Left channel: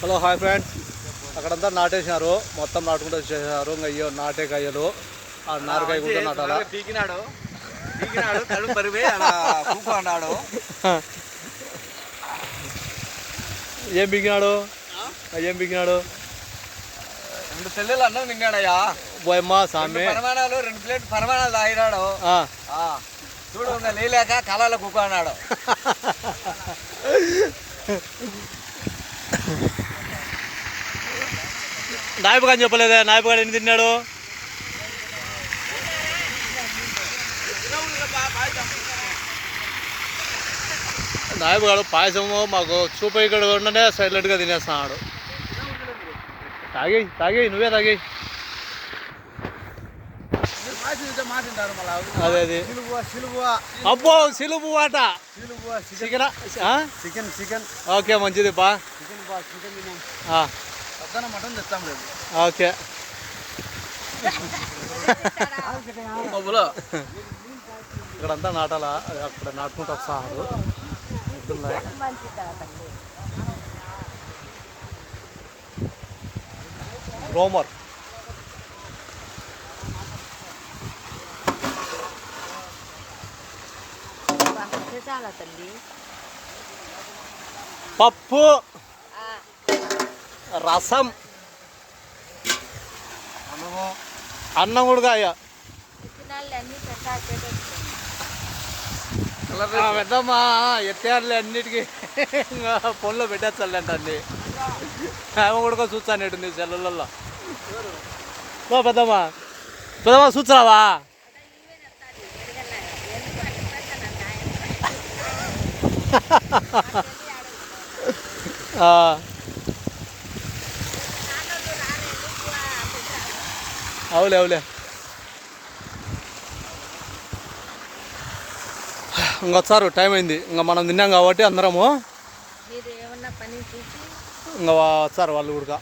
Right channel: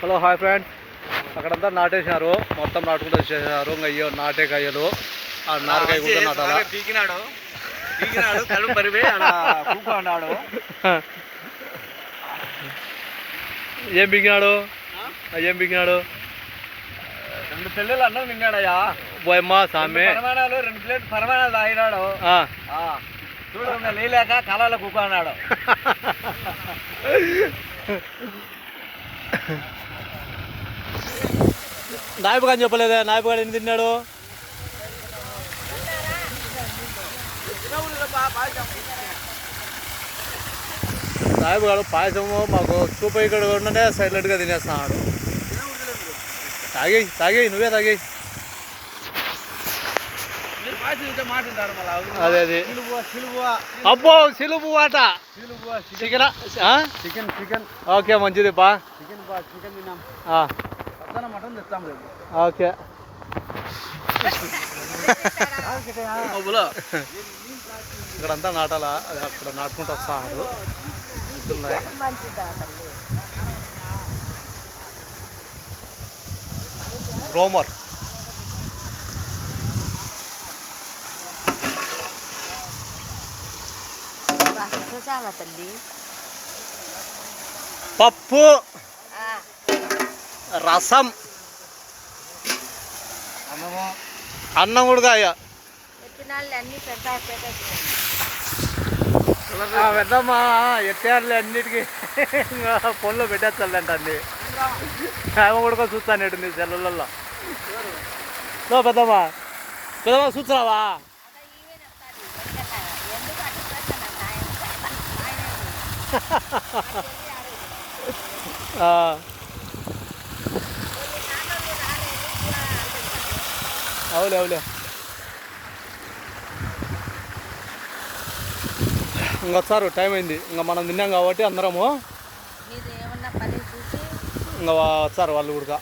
Hello hi friends, అక్కడంతా నాటేసినారు, మొత్తం నాటుకుంటూ వచ్చేసారు. ఇంకా అయ్యో నాటే కాయలు, ఆ నారకాయ కూడా నాటాలా. ఏం బిగినాడు రెండు పెళ్ళిళ్ళు అన్నం తిన్నాడయ్యా. పోయమ్మా సామి, 2 ప్లేట్ పరమాణాలు తాగినాడు. చూడు నీలేక కళలో కుక్క అన్నాడు. నాయపుగా చెప్పలేదే, నాయపుగాడు ఎన్ని తిన్నాడు? నాయపుగాడు పాయసము మాకు చూప ఇక్కడ ఉండనే సైలెంట్గా తినేస్తున్నాడు. తాగేయి నువ్వే తాగేయి. అదే అదే అబ్బో సిలుబు వాట చికెన్ ఓకే మంచిది బా. మటన్ తెస్తాం లేదు. ఓకే ఇక్కడంతా నాటాలా, అక్కడ నాటుకుంటూ వస్తున్నారు. ఎద్దులున్నాయి. రోమర్ పప్పు, రసం, అన్నం కూడా పెద్దమ్మా ఎట్టారులే అన్నిటికీ పొల్లో పెట్టేస్తాడంట అన్ని. ఆమె కూడా చూస్తానేటుంది సెల్లులలో. పెద్దమ్మా చూస్తున్నావా? అవులే ఇంకొచ్చారు, టైం అయింది. ఇంకా మనం తిన్నాం కాబట్టి అందరము ఇంకా వచ్చారు వాళ్ళు కూడా.